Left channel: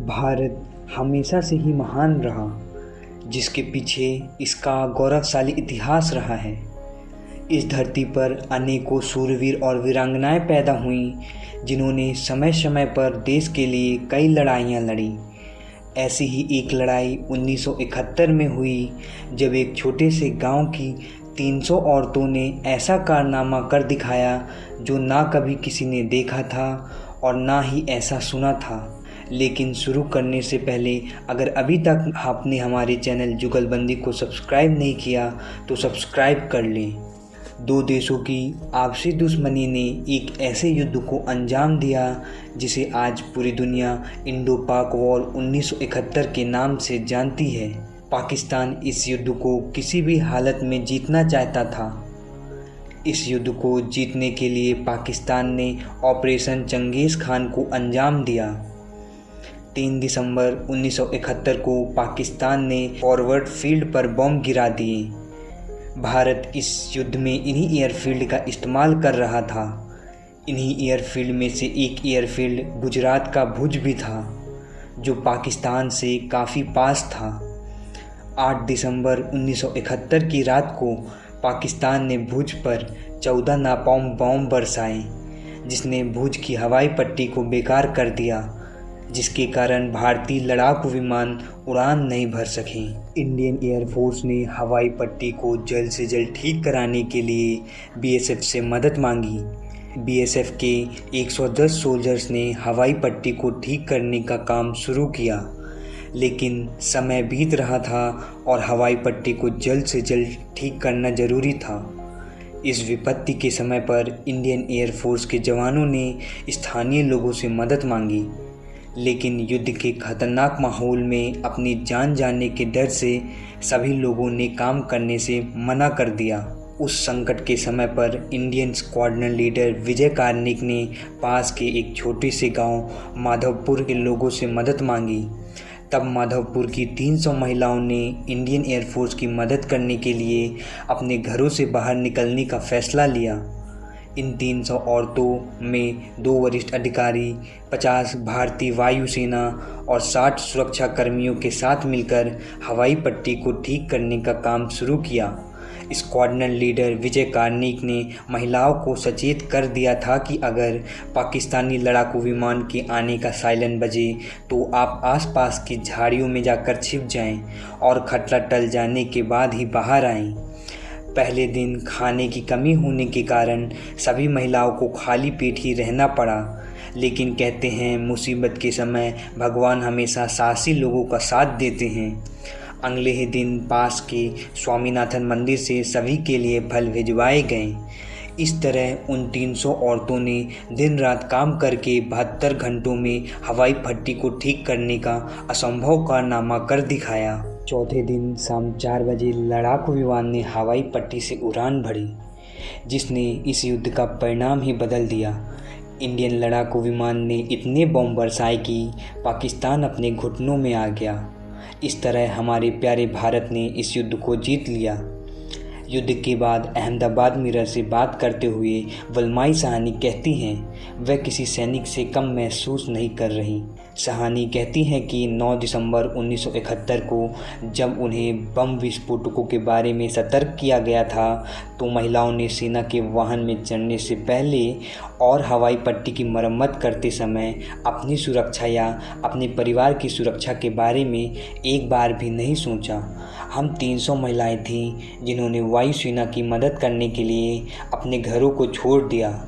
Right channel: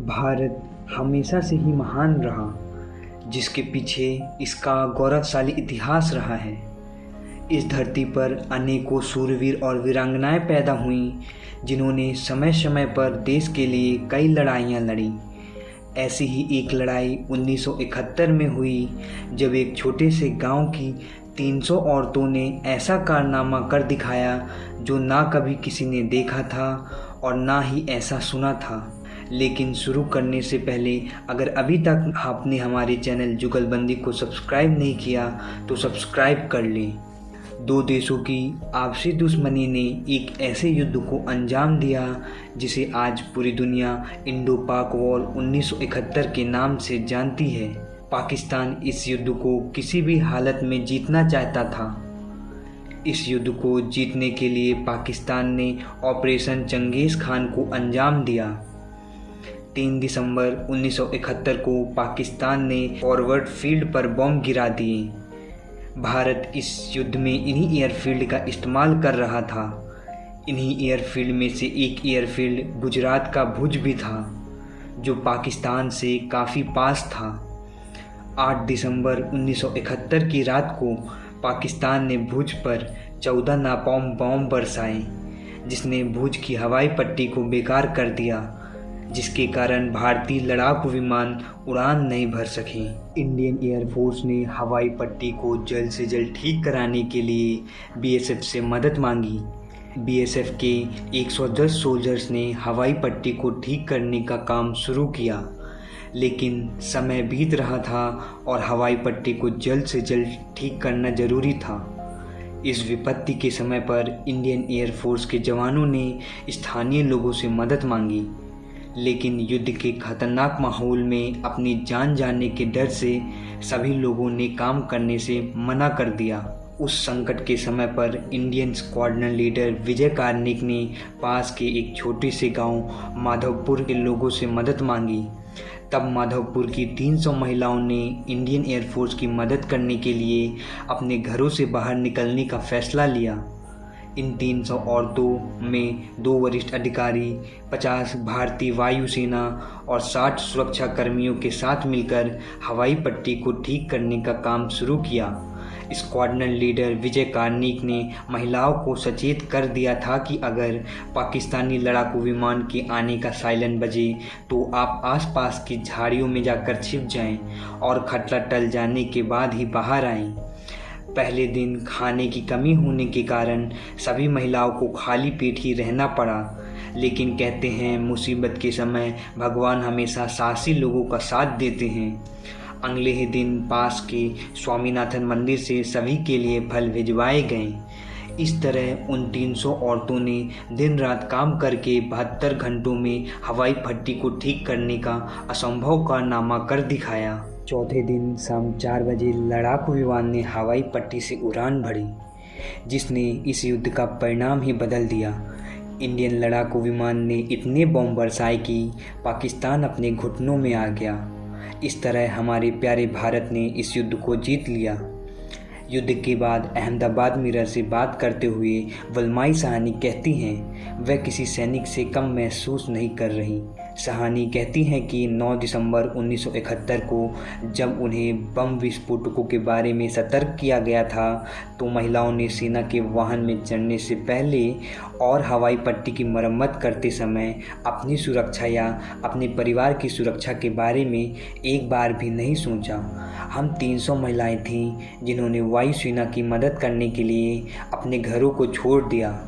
भारत हमेशा से ही महान रहा, जिसके पीछे इसका गौरवशाली इतिहास रहा है। इस धरती पर अनेकों शूरवीर और वीरांगनाएं पैदा हुईं, जिन्होंने समय समय पर देश के लिए कई लड़ाइयाँ लड़ी। ऐसी ही एक लड़ाई 1971 में हुई, जब एक छोटे से गांव की 300 औरतों ने ऐसा कारनामा कर दिखाया जो ना कभी किसी ने देखा था और ना ही ऐसा सुना था। लेकिन शुरू करने से पहले अगर अभी तक आपने हमारे चैनल जुगलबंदी को सब्सक्राइब नहीं किया तो सब्सक्राइब कर लें। दो देशों की आपसी दुश्मनी ने एक ऐसे युद्ध को अंजाम दिया जिसे आज पूरी दुनिया इंडो पाक वॉर 1971 के नाम से जानती है। पाकिस्तान इस युद्ध को किसी भी हालत में जीतना चाहता था। इस युद्ध को जीतने के लिए पाकिस्तान ने ऑपरेशन चंगेज़ खान को अंजाम दिया। 3 दिसंबर 1971 को पाकिस्तान ने फॉरवर्ड फील्ड पर बम गिरा दिए। भारत इस युद्ध में इन्हीं एयरफील्ड का इस्तेमाल कर रहा था। इन्हीं एयरफील्ड में से एक एयरफील्ड गुजरात का भुज भी था, जो पाकिस्तान से काफ़ी पास था। 8 दिसंबर 1971 की रात को पाकिस्तान ने भुज पर 14 नापाउम बम बरसाए, जिसने भुज की हवाई पट्टी को बेकार कर दिया, जिसके कारण भारतीय लड़ाकू विमान उड़ान नहीं भर सके। इंडियन एयरफोर्स ने हवाई पट्टी को जल्द से जल्द ठीक कराने के लिए बीएसएफ से मदद मांगी। बीएसएफ के 110 सोल्जर्स ने हवाई पट्टी को ठीक करने का काम शुरू किया, लेकिन समय बीत रहा था और हवाई पट्टी को जल्द से जल्द ठीक करना ज़रूरी था। इस विपत्ति के समय पर इंडियन एयरफोर्स के जवानों ने स्थानीय लोगों से मदद मांगी, लेकिन युद्ध के खतरनाक माहौल में अपनी जान जाने के डर से सभी लोगों ने काम करने से मना कर दिया। उस संकट के समय पर इंडियन स्क्वाड्रन लीडर विजय कार्निक ने पास के एक छोटे से गांव माधवपुर के लोगों से मदद मांगी। तब माधवपुर की 300 महिलाओं ने इंडियन एयरफोर्स की मदद करने के लिए अपने घरों से बाहर निकलने का फैसला लिया। इन 300 औरतों में 2 वरिष्ठ अधिकारी, 50 भारतीय वायुसेना और 60 सुरक्षा कर्मियों के साथ मिलकर हवाई पट्टी को ठीक करने का काम शुरू किया। स्क्वाड्रन लीडर विजय कार्निक ने महिलाओं को सचेत कर दिया था कि अगर पाकिस्तानी लड़ाकू विमान के आने का साइरन बजे तो आप आसपास की झाड़ियों में जाकर छिप जाएं और खतरा टल जाने के बाद ही बाहर आएं। पहले दिन खाने की कमी होने के कारण सभी महिलाओं को खाली पेट ही रहना पड़ा, लेकिन कहते हैं मुसीबत के समय भगवान हमेशा साहसी लोगों का साथ देते हैं। अगले ही दिन पास के स्वामीनाथन मंदिर से सभी के लिए फल भिजवाए गए। इस तरह उन 300 औरतों ने दिन रात काम करके 72 घंटों में हवाई पट्टी को ठीक करने का असंभव कारनामा कर दिखाया। चौथे दिन शाम 4 बजे लड़ाकू विमान ने हवाई पट्टी से उड़ान भरी, जिसने इस युद्ध का परिणाम ही बदल दिया। इंडियन लड़ाकू विमान ने इतने बम बरसाए कि पाकिस्तान अपने घुटनों में आ गया। इस तरह हमारे प्यारे भारत ने इस युद्ध को जीत लिया। युद्ध के बाद अहमदाबाद मिरर से बात करते हुए वलमाई साहनी कहती हैं वह किसी सैनिक से कम महसूस नहीं कर रही। साहनी कहती हैं कि 9 दिसंबर 1971 को जब उन्हें बम विस्फोटकों के बारे में सतर्क किया गया था तो महिलाओं ने सेना के वाहन में चढ़ने से पहले और हवाई पट्टी की मरम्मत करते समय अपनी सुरक्षा या अपने परिवार की सुरक्षा के बारे में एक बार भी नहीं सोचा। हम 300 महिलाएं थीं जिन्होंने वायुसेना की मदद करने के लिए अपने घरों को छोड़ दिया।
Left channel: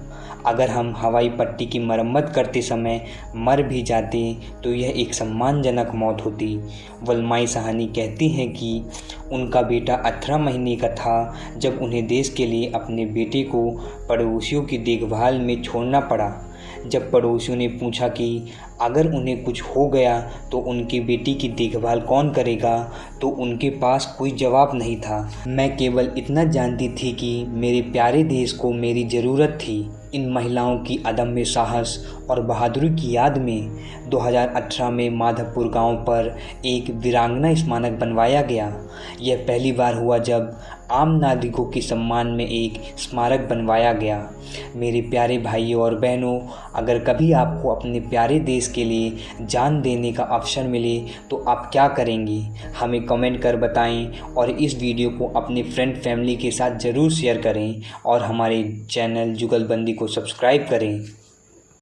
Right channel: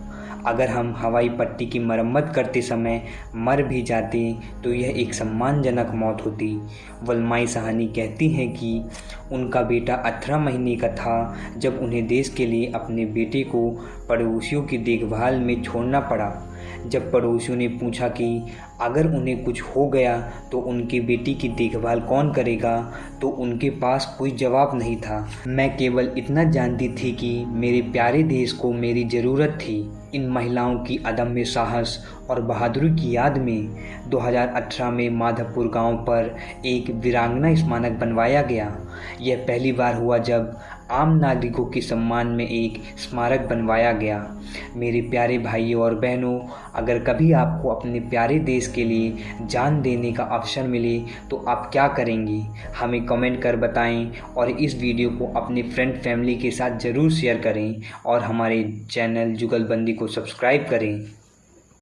अगर हम हवाई पट्टी की मरम्मत करते समय मर भी जाते तो यह एक सम्मानजनक मौत होती। वलमाई साहनी कहती हैं कि उनका बेटा 18 महीने का था जब उन्हें देश के लिए अपने बेटे को पड़ोसियों की देखभाल में छोड़ना पड़ा। जब पड़ोसियों ने पूछा कि अगर उन्हें कुछ हो गया तो उनकी बेटी की देखभाल कौन करेगा, तो उनके पास कोई जवाब नहीं था। मैं केवल इतना जानती थी कि मेरे प्यारे देश को मेरी ज़रूरत थी। इन महिलाओं की अदम्य साहस और बहादुरी की याद में 2018 में माधवपुर गांव पर एक वीरांगना स्मारक बनवाया गया। यह पहली बार हुआ जब आम नागरिकों के सम्मान में एक स्मारक बनवाया गया। मेरे प्यारे भाइयों और बहनों, अगर कभी आपको अपने प्यारे देश के लिए जान देने का अवसर मिले तो आप क्या करेंगे? हमें कमेंट कर बताएं और इस वीडियो को अपने फ्रेंड फैमिली के साथ ज़रूर शेयर करें और हमारे चैनल जुगलबंदी को सब्सक्राइब करें।